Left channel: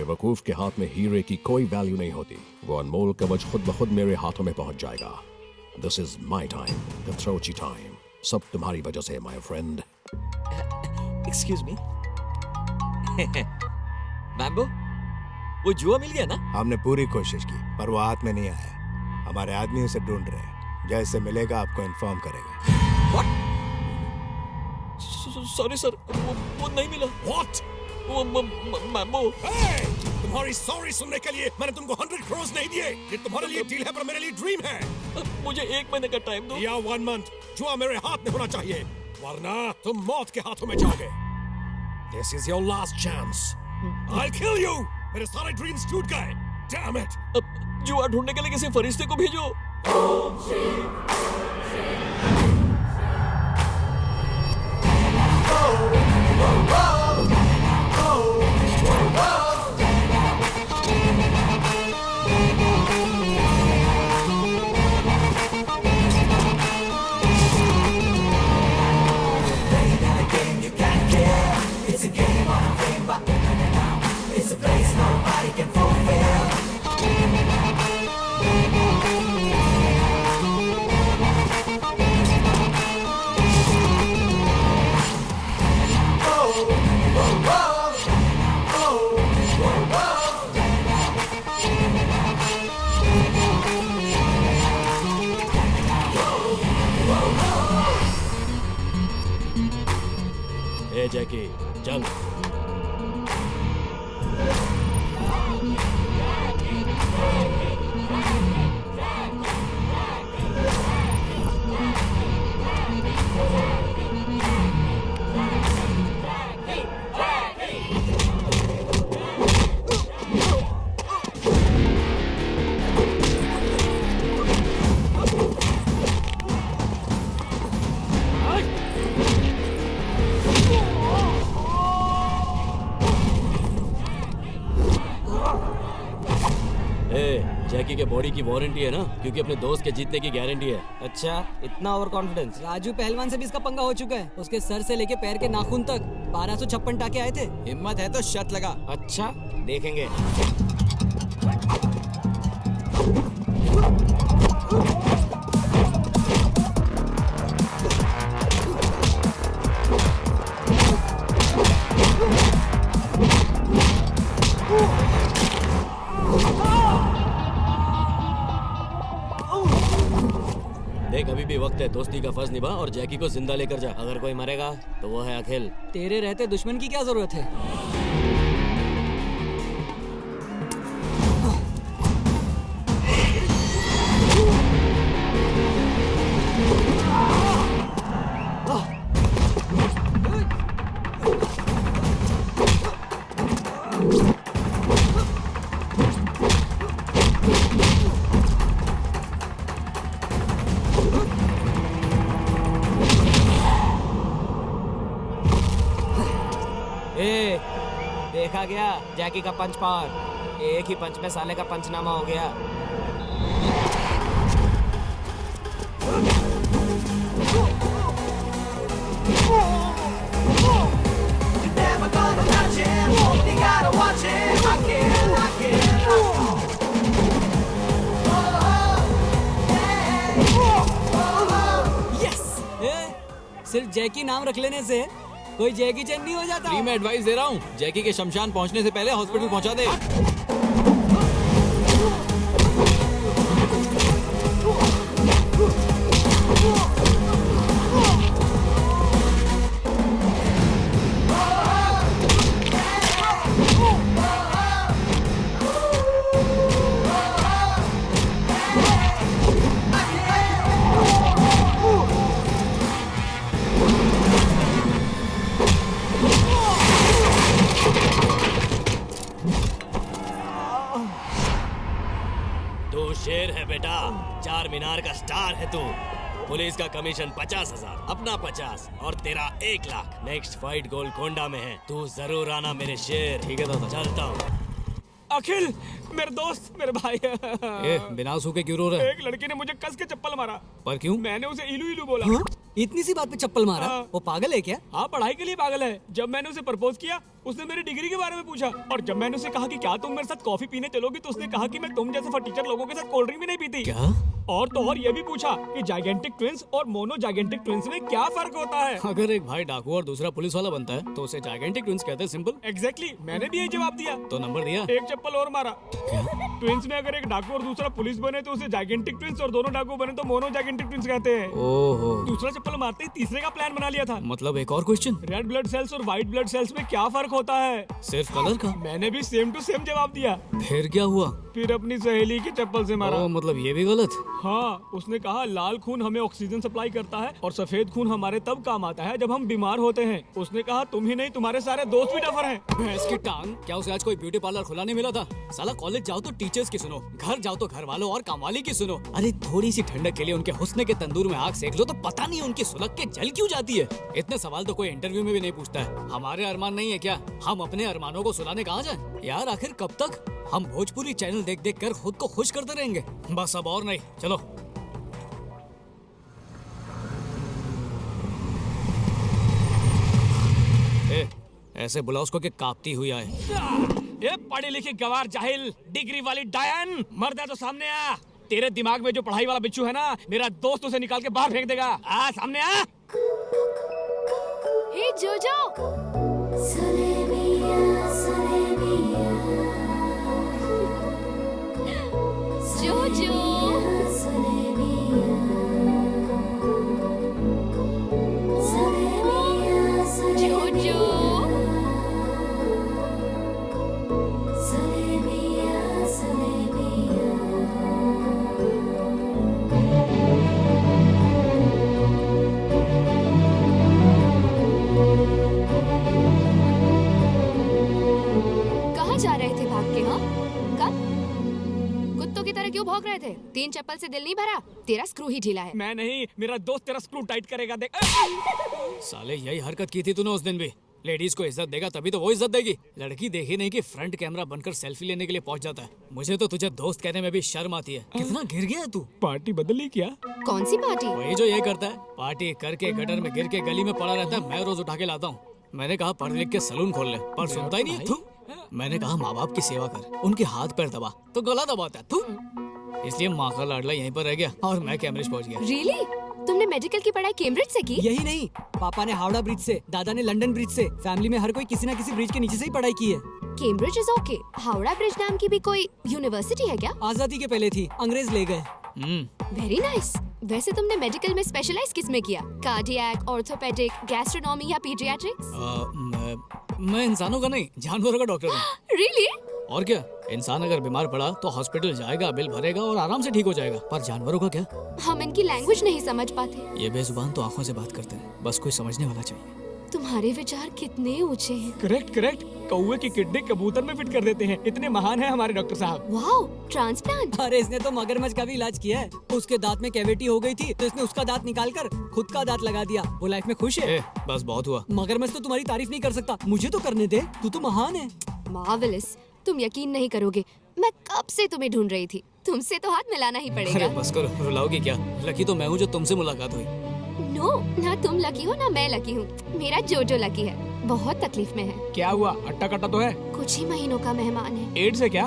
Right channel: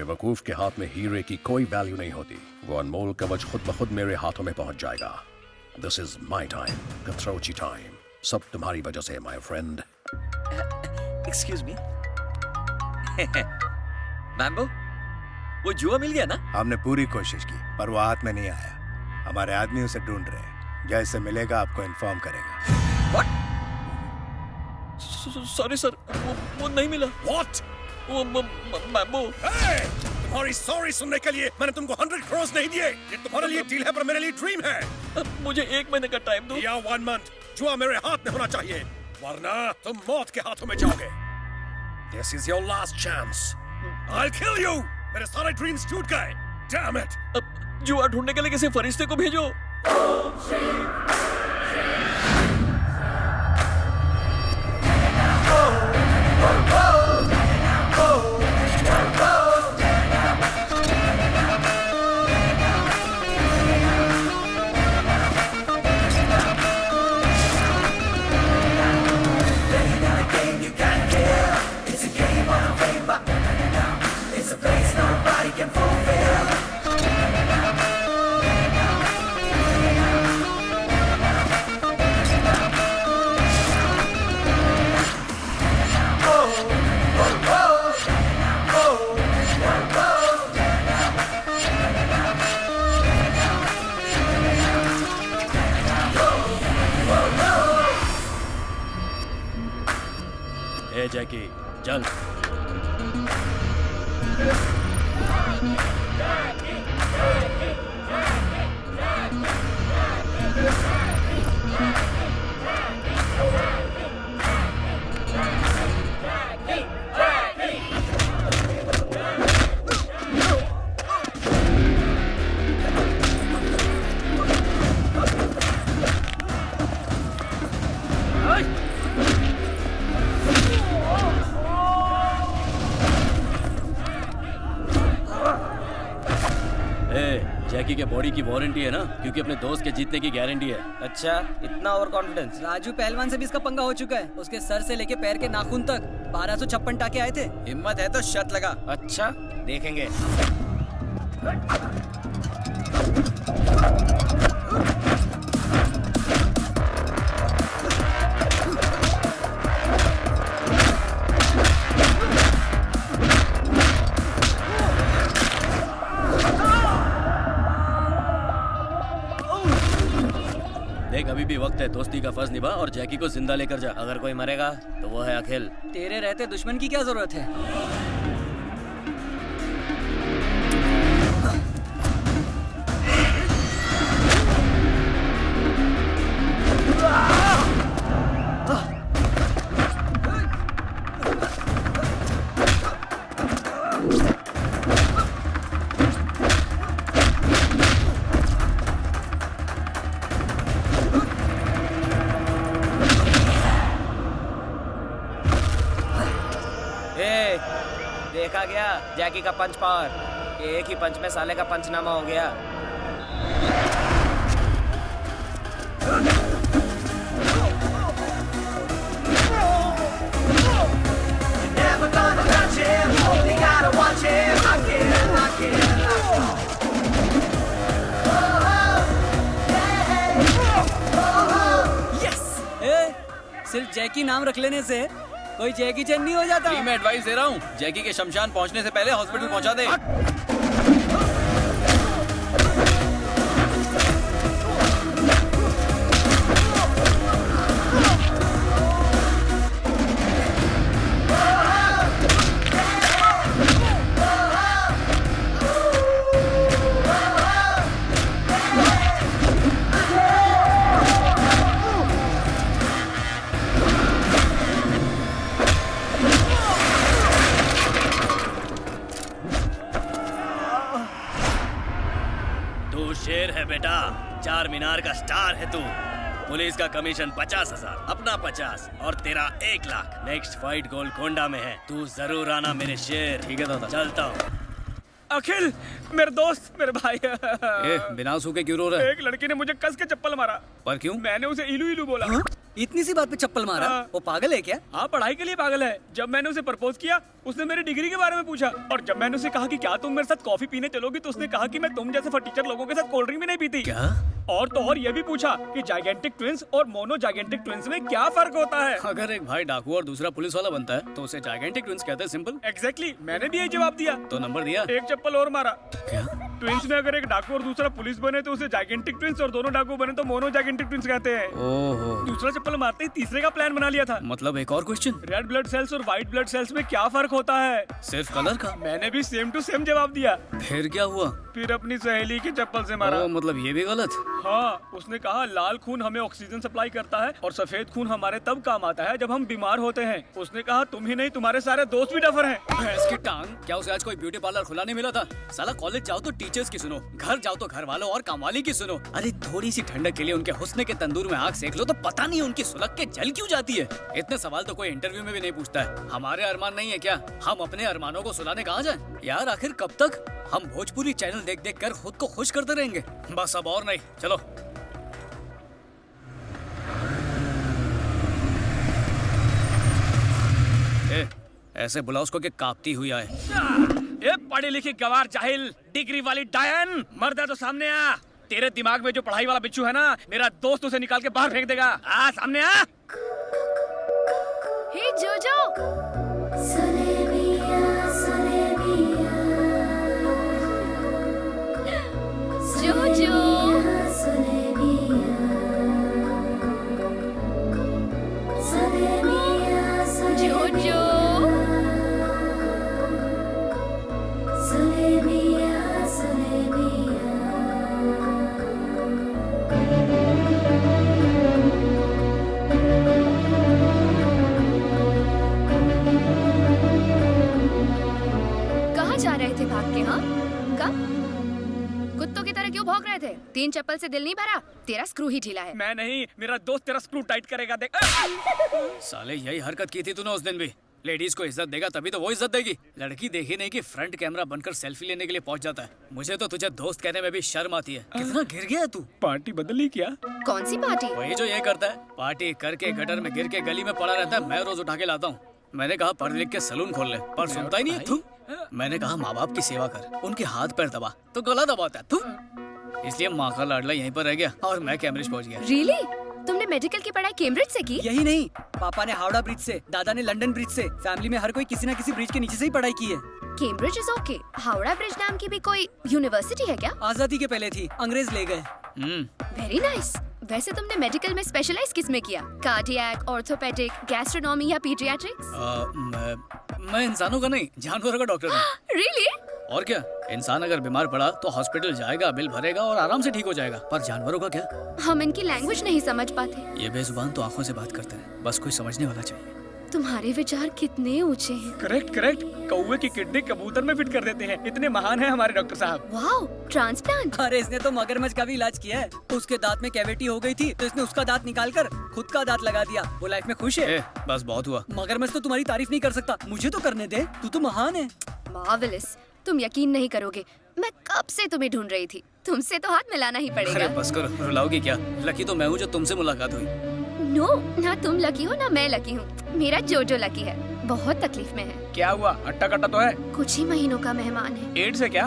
बेवकूफ के हाथ में हीरे की कोई वैल्यू नहीं होती। वो अनमोल कवच खुद ब खुद मेरे हाथों में पहुंच जाएगा। This is my time, Quattrocchi time. सब तुम्हारी वजह से माय फ्रेंड। Excuse me. मैम्बो, वो जुआ मिल गया ना? हमने पूरी कोशिश की पर वो हाथ में नहीं आया। हमारे आदमी उसे ढूंढ रहे हैं। जैसे मिलेगा आपको इन्फॉर्म करेगा। What? सॉरी सर, वो नहीं मिला। What? वो मैम्बो। Hey! तुम्हारी सॉरी सुनने के लिए मैंने तुमको 100 crores नहीं दिए। ये तुम्हारे लिए डील है पर मेरे लिए ड्रीम है। मुझे 1 महीने का टाइम दो। या 1 month। जुआ मेरे हाथ में होना चाहिए वरना तुम मौत के हाथों में जाओगे। This is your last chance. I'll kill you. मेरे सारे ड्रीम्स टूट गए। Damn it! अब जुआ ढूंढने के लिए किसी फरिश्ते को भेजो। ए जैकी, चल। जैकी के बॉडी की वारंटी है ना, क्योंकि अपने दोस्त के जीतने की गारंटी है। अच्छा, इतना ओवर कॉन्फिडेंस? राजू पहलवान से भी इसका पंगा हो चुका है। उसके सर से लेके पैर के नाखून तक 1256 टाके आए थे। हिम्मत है तो शर्त लगा। अच्छा, देखेंगे। देख, अभी भी वक्त है, दोस्ती का फर्ज निभा और जैकी को जिंदा लेकर जा। अगर कोई मरेगा तो वो है अखिल। तेरे रहते दुश्मन की क्या जरूरत है? देखा गया जैकी का पंच पावर। एक ही पंच में साले का पंचनामा हो गया। सिर्फ जैकी नाम रख लेने से कोई जैकी चैन नहीं हो जाता। फ्री में एडवाइस दे रहा हूँ, जैकी के शमशान पहुँचने से पहले हॉस्पिटल पहुँचा दे। तू शेर है बेटा, 4 मीनार का स्टार है तू। पुलिस का कमीशन 50,000, अपना 50 और तेरा 1 लाख। नेक्स्ट फाइट गोलकोंडा में है, तू जरूर आना मेरे शेर। ठीक है दादा, चलता हूँ। अखिल, मेरे दोस्त, मेरे भाई। बिना सूखे क्यों रो रहा है? एक लड़की ने मुझे कस के चप्पल मारा। पर क्यों? मैंने उसे इलू इलू बोला। हाँ? इतनी सी बात पे चप्पल मारा? हाँ। वो पागल है क्या? हाँ, पढ़ाई के लिए पागल है। जब मैंने उसे प्रपोज किया, उसने मेरी डिग्री के बारे में पूछा, और जब मैंने उसे कहा कि क्या तुम मेरे साथ कॉफी पीने चलोगी, तो उसने कहा कि मैं तुम जैसे फटीचर लोगों के साथ कोल्ड ड्रिंक भी नहीं पीती। क्या? और तो और ये भी पूछा कि जाइगेंटिक ट्विंस और मोनो जाइगेंटिक ट्विंस में क्या फर्क होता है। अगर एक भाई डाकू और दूसरा पुलिस वाला बनता है तो उसे जाइगेंटिक ट्विंस कहते हैं। सिंपल। एग्जैक्टली, मैंने भी यही जवाब दिया। तो नंबर दिया? एक चप्पल और मारा। क्या? ट्विंस में अगर एक डाकू और दूसरा पुलिस बने तो उसे जाइगेंटिक ट्विंस, और दोनों डाकू बने तो मोनो जाइगेंटिक ट्विंस कहते हैं। ओहो, दूसरा चप्पल मारते ही तीसरे का प्लान बना लिया था। मतलब एक और क्वेश्चन। रेड ब्लड सेल्स और व्हाइट ब्लड सेल्स में क्या फर्क होता है? सिर्फ कलर का? मैंने भी सेम टू सेम जवाब दिया। फिर क्या हुआ? फिर अपनी सहेली की चप्पल से मारा। ओ, मतलब ये भी गलत? हाँ, उसने कहा लाल खून हमें ऑक्सीजन सप्लाई करता है और सफेद खून हमारे तब काम आता है जब हम बीमार होते हैं। उसने कहा तुम ही नहीं, तुम्हारे सारे दोस्त भी डफर हैं। भैंस की टांग, क्या उसे आज कोई ब्यूटी पार्लर खुला नहीं मिला था? साला कॉलेज जाओ तो टीचर्स की सुनो, घर जाओ तो घर वालों और कामवाली की सुनो। अरे थोड़ी सी ठंडक के लिए उनके हुस्न के तंदूर में आग सेक लो तो पता नहीं उनकी सुलग के जल क्यों जाती है। इतने सवाल तो कोई इंटरव्यू में भी नहीं पूछता है। हमारे अरमान नहीं है क्या? हम अपने अरमानों को सुलाने कहाँ जाएं? यार आखिर कब तक हम भोजपुरी चैनल देख देख कर खुद को खुश करते रहेंगे? बस अब और नहीं, चलो। ए, ऐसे बुलाओ उसको कि कांपती हुई आए। ये पढ़ी लिखी गवार जाहिल डिग्री वाली डायन, मर्द है तो सामने आ। तेरे दिमाग में जो पढ़ाई वाला बिच्छू है ना, मेरा दोस्त उसे निकाल के बाहर फेंक देगा। आ सामने आ। हे जोजो, जोजो, जोजो, कहाँ जा रहे थे भाग के? हाँ, कब? कुत्तों की तरह क्यों भौंक रहे थे? 3 चप्पल से दिल नहीं भरा? तेरा स्क्रू ही ढीला है। मैं नहीं, मेरा दोस्त तेरा स्क्रू टाइट करेगा, देख। साले यही हरकत की थी तूने उस दिन भी। लेडीज को इज्जत देगा तभी तो वो इज्जत देगी। लड़की देखी नहीं कि फ्रंट कैमरा बनकर सेल्फी लेने के लिए पहुंच जाता है। मुझे तो तुझे दोस्त कहने में भी शर्म आती है। कितना गिर गया है तू। पार्टी बदली क्या? कौन सी पार्टी? वही जो ये करता है, पार्टी करके गटर में गिर के गली में पड़ा रहता है। मैं रोज उठा के लाता हूँ। मैंने कहा पढ़ लिख के सलून खोल ले, पर सुनता ही नहीं है। तू, मैंने कहा माँ बाप की सेवा कर, उनके हाथ पैर दबा, तो गला दबाता है तू। इसलिए माँ का लाडला यहीं पर रह गया और मैं कैम्ब्रिज पहुंच गया। रियली? तुमने मेडिकल की पढ़ाई कैम्ब्रिज से की? यही नहीं, पापा ने हावड़ा ब्रिज से, दादा ने लंदन ब्रिज से। फैमिली में हर कोई किसी न किसी ब्रिज के नीचे से ही पढ़ाई की है। Cambridge is okay. Howrah bridge नाम की भी कोई यूनिवर्सिटी है क्या? आजादी के पहले थी, अंग्रेज ले गए। Very nice. वैसे तुमने मेडिकल में स्पेशलाइज किस में किया? कार्डियक, ऑर्थोपेडिक, गैस्ट्रोनॉमी या पीडियाट्रिक्स? मैं इंसानों का नहीं, जानवरों का डॉक्टर हूँ। रियली? और क्या, इंसान अगर बीमार पड़ा तो हॉस्पिटल जाएगा, बिल भरेगा और आराम से ठीक हो जाएगा। पर जानवरों का क्या? हम इनकी लैंग्वेज नहीं समझ पाते। ये बेजुबान तो आंखों से बात करते हैं, बस कोई समझने वाला चाहिए। तुम्हारे विचार कितने ऊंचे हैं। Correct correct. कौवे की किडनी कबूतर में फिट कर देते हैं। इतने महान हैं हमारे डॉक्टर साहब। Wow, transplant. अरे इसने तो मगरमच्छ का भी इलाज किया है। उसके दांत में कैविटी हो गई थी तो इसने उसका दांत निकाल कर खुद का दांत लगा दिया। वो लाइफ में खुश है। बस बहुत हुआ। मगरमच्छ तो तुम्हारी तारीफ नहीं कर सकता, मुझे तो करने दे, तू तो महान है। मार्वेलस। तुम यकीन नहीं करोगे, मैं कब से तुम्हें ढूंढ रही थी। तुमसे तो हाथ मिलाना ही अरे पड़ेगा। बस करो, रुलाओगी क्या? लकी तो मैं हूँ जो तुमसे मुलाकात हुई। नो, ना तुम लकी हो ना मैं लकी हूँ। मेरा जोजो लकी है, बहुत तकलीफ में है। क्या हुआ? अट्टा कट्टा तो है। कुछ ही महीनों का मेहमान है। एड्स है क्या?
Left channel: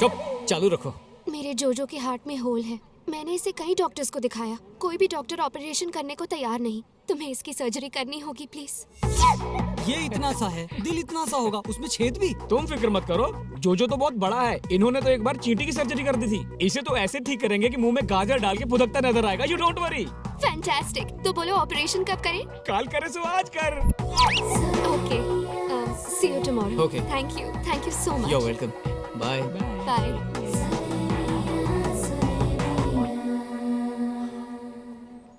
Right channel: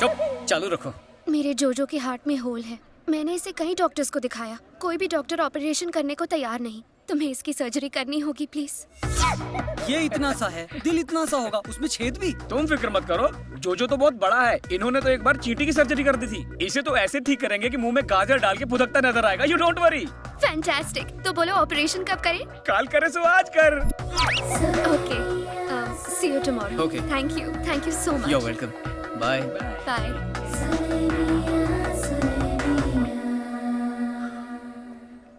चुप, चालू रखो। मेरे जोजो के हार्ट में होल है। मैंने इसे कई डॉक्टर्स को दिखाया, कोई भी डॉक्टर ऑपरेशन करने को तैयार नहीं। तुम्हें इसकी सर्जरी करनी होगी प्लीज। ये इतना सा है, दिल इतना सा होगा, उसमें छेद भी। तुम फिक्र मत करो, जोजो तो बहुत बड़ा है। इन्होंने तो एक बार चींटी की सर्जरी कर दी थी। इसे तो ऐसे ठीक करेंगे कि मुंह में गाजर डाल के फुदकता नजर आएगा। You don't worry. फैंटास्टिक। तो बोलो ऑपरेशन कब करें? काल करे सो आज कर। Okay, see you tomorrow. Okay. Thank you so much. You're welcome. Bye. Bye.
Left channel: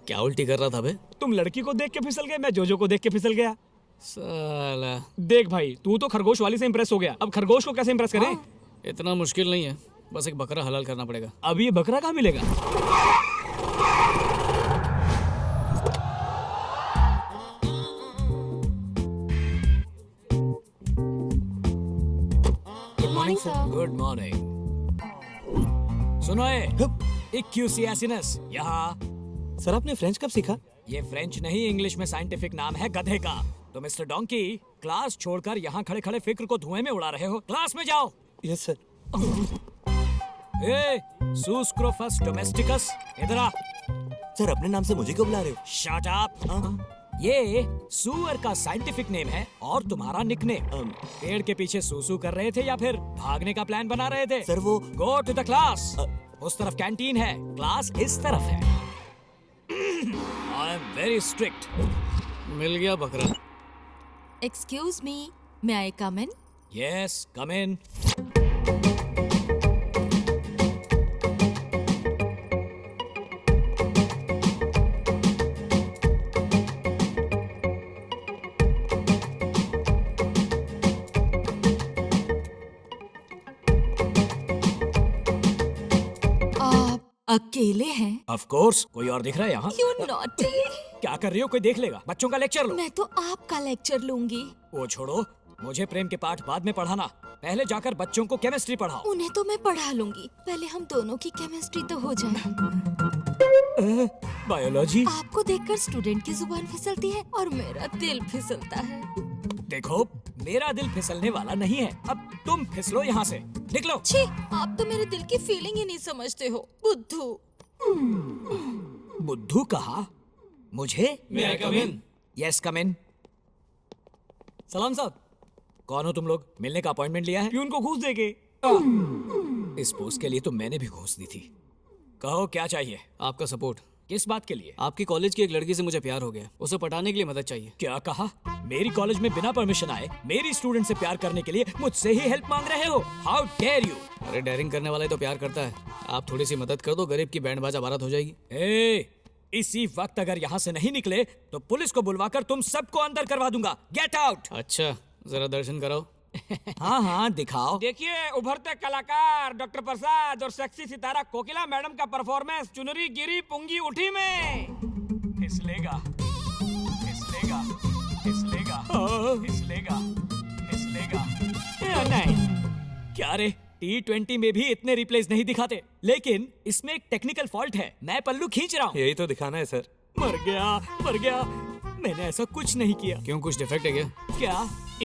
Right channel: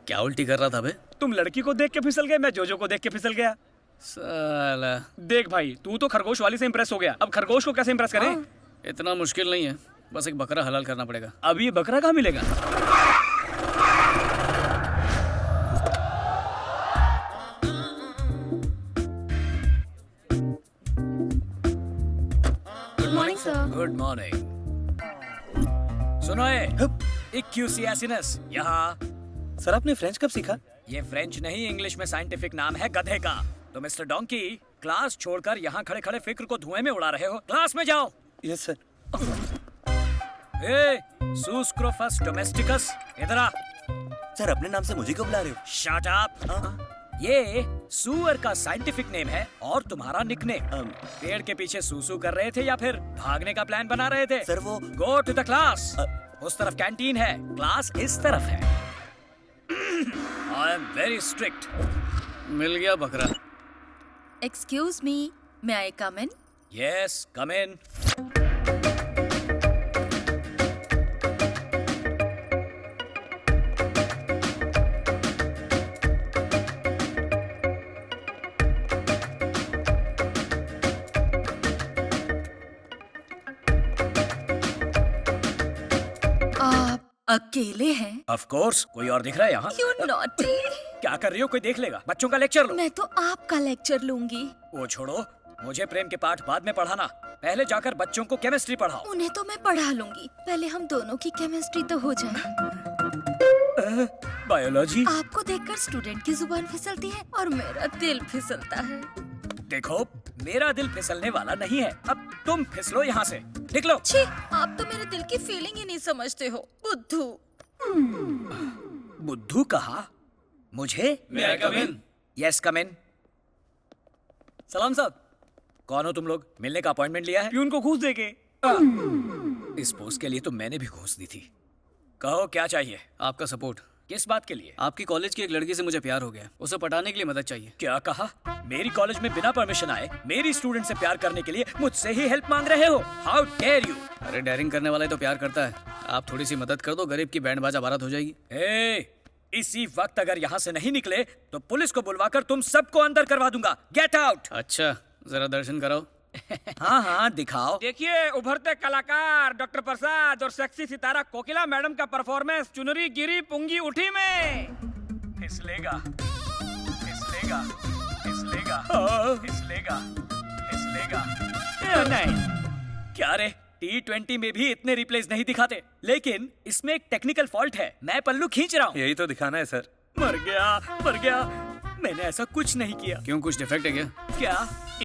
क्या उल्टी कर रहा था बे? तुम लड़की को देख के फिसल गए, मैं जोजो को देख के फिसल गया। साला, देख भाई, तू तो खरगोश वाली से इम्प्रेस हो गया, अब खरगोश को कैसे इम्प्रेस करें? इतना मुश्किल नहीं है, बस एक बकरा हलाल करना पड़ेगा। अब ये बकरा कहाँ मिलेगा? Good morning sir. Good morning. सुनो एक QCS यहाँ। सर आपने फ्रेंच कब सीखा? ये फ्रेंच नहीं, इंग्लिश में साइंटिफिक नाम है गधे का। तो मिस्टर डोंकी, क्लास छोड़कर यहाँ खड़े खड़े फिक्र को धुएं में उड़ा रहे हो। क्लास में जाओ। Yes sir. ए, सूस्क्रोफस डोमेस्टिकस, इधर आ। सर अपने नाम से मुझे क्यों बुला रहे हो? Shut up. ये सुअर का साइंटिफिक नेम है और तुम्हारा निकनेम। पेड़ के पीछे सूसू कर रहे थे या फिर भागने का प्लान बना रहे थे? सर वो गो टू द क्लास। उस तरफ कैंटीन है, क्लास इस तरफ है। I am very strict. मिल गया बकरा। Excuse me, may I come in? Yes, come in. अकेले हैं? ऑफ कोर्स, कोई और दिख रहा है यहाँ? क्यों नॉटी? क्या कर रही हो? कोई देख लेगा। बच्चों का लेक्चर लो। मैं तो आपका लेक्चर लूंगी। वो छोड़ो, मुझे प्रेम के पाठ बाद में पढ़ाना। पहले जाकर बच्चों को केमिस्ट्री पढ़ाओ। उन्हें तो मैं पढ़ा लूंगी, पहले हम दोनों की केमिस्ट्री तो हो जाए। बायोलॉजी? आपको देखकर स्टूडेंट की जुबान फिसलती है और मेरा दिल फिसलता है। देखो, मेरा दिल फिसलने वाला नहीं है। अब तुम फिसलो यहाँ से, निकलो। छी, आप तो मेरे दिल की फीलिंग ही नहीं समझते हो, बुद्धू। बुद्धू कहा? मुझे? यस, कम इन। सलाम साहब। कौन हो तुम लोग? मिलने का अपॉइंटमेंट लिया है? प्यून को घूस देके। इस पोस्ट के लिए तो मैंने भी घूस दी थी। कहो क्या चाहिए? आपका सपोर्ट। किस बात के लिए? आपकी कॉलेज की एक लड़की से मुझे प्यार हो गया, उसे पटाने के लिए मदद चाहिए। क्या कहा? मेरी कॉलेज में बिना परमिशन आए मेरी स्टूडेंट से प्यार करने के लिए मुझसे ही हेल्प मांग रहे हो? How dare you! अरे डेयरिंग करने वाला ही तो प्यार करता है। आप थोड़ी सी मदद कर दो, गरीब की बैंड बाजा बारात हो जाएगी। इसी वक्त अगर यहाँ से नहीं निकले तो पुलिस को बुलवाकर तुम सबको अंदर करवा दूंगा। Get out! अच्छा, जरा दर्शन कराओ। हाँ हाँ, दिखाओ। देखिए, उभरते कलाकार डॉक्टर प्रसाद और सेक्सी सितारा कोकिला मैडम का परफॉर्मेंस चुनरी गिरी पुंगी उठी में। फिसलेगा, फिसलेगा, फिसलेगा, फिसलेगा, फिसलेगा। नहीं, क्या रे, T20 में भी इतने रिप्लेस नहीं दिखाते, लेकिन इसमें एक टेक्निकल फॉल्ट है। मैं पल्लू खींच रहा हूँ। यही तो दिखाना है सर। मर गया, मर गया। मैंने ऐसा कुछ नहीं किया। क्यों, कुछ डिफेक्ट है क्या? क्या?